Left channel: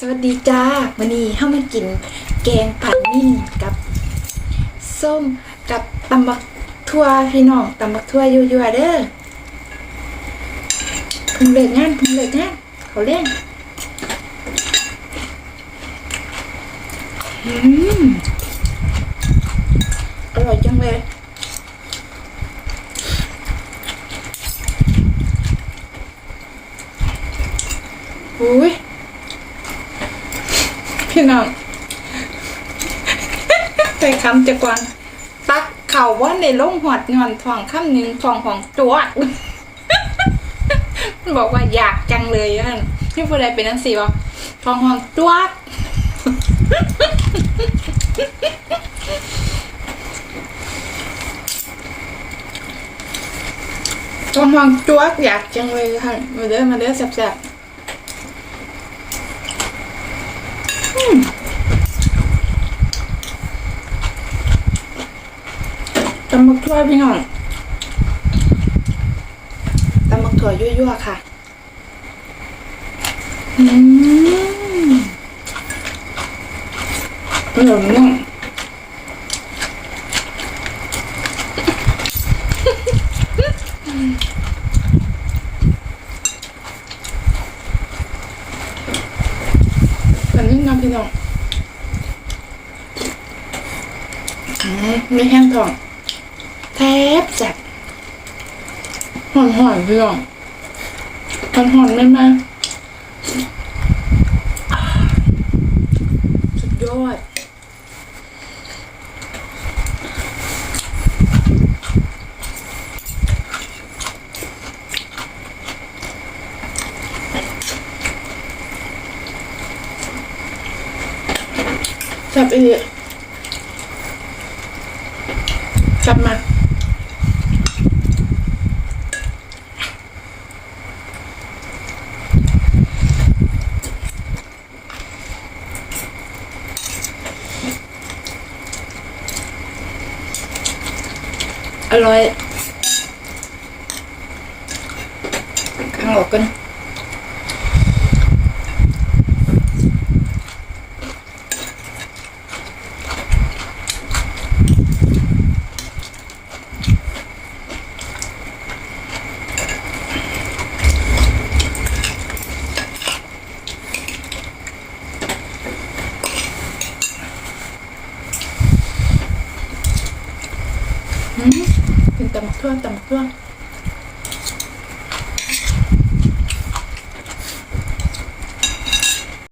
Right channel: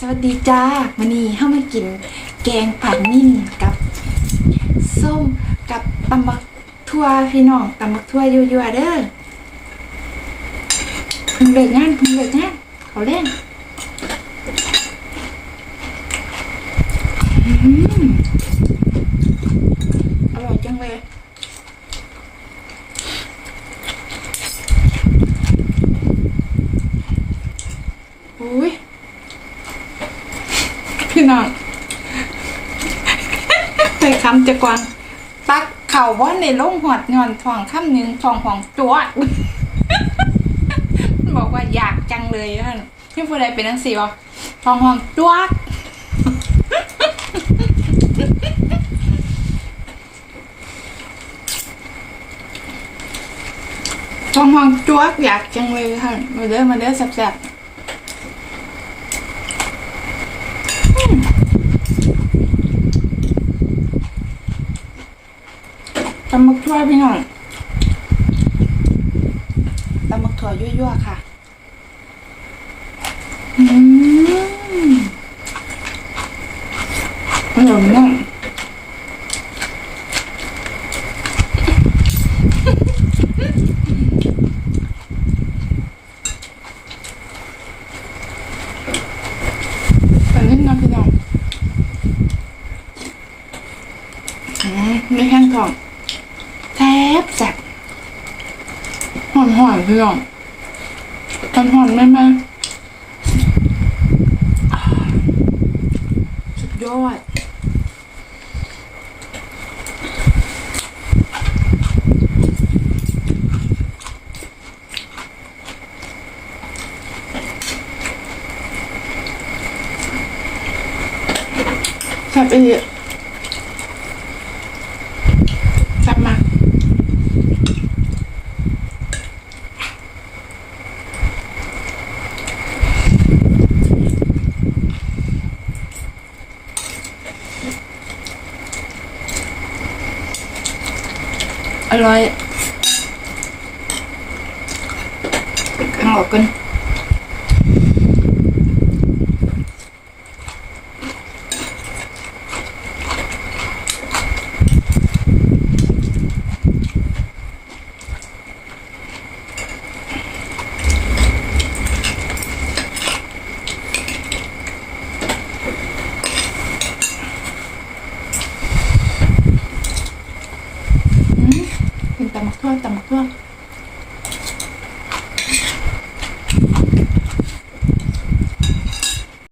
สวัสดีจ้าวันนี้เข้ามากินแกงผัดนิ่มกับส้มกับตำบักทั่วพี่น้องตำบักทั่วยั่วๆเด้อเพิ่งเลิกงานเพิ่งเลิกงานเขาเล่นอืมอร่อยจังเลยอุ้ย พี่น้องใส่คำจะกวางตักเข่าว่าในลงหอดงอนทองข้ามหนึ่งทองของตัวบอกว่าอยากจังเลยอะพี่ผู้ใดเป็นนังสีวะทองหองตัวทองหองตัวอยากจังเลยค่ะมาเด้อมาเด้อแซ่บๆ ตำมักทั่วพี่น้องตำมักถั่วยั่วๆค่ะ อืมอร่อยมากแบบนี้นะพี่น้องอืมไม่แห้งทอง แทบจัดหอนหอนๆพี่น้องหอนหอนๆแม่มาอ่าสุดยอดจับอีก จับมาอร่อยข้างออกกัน อืมกิน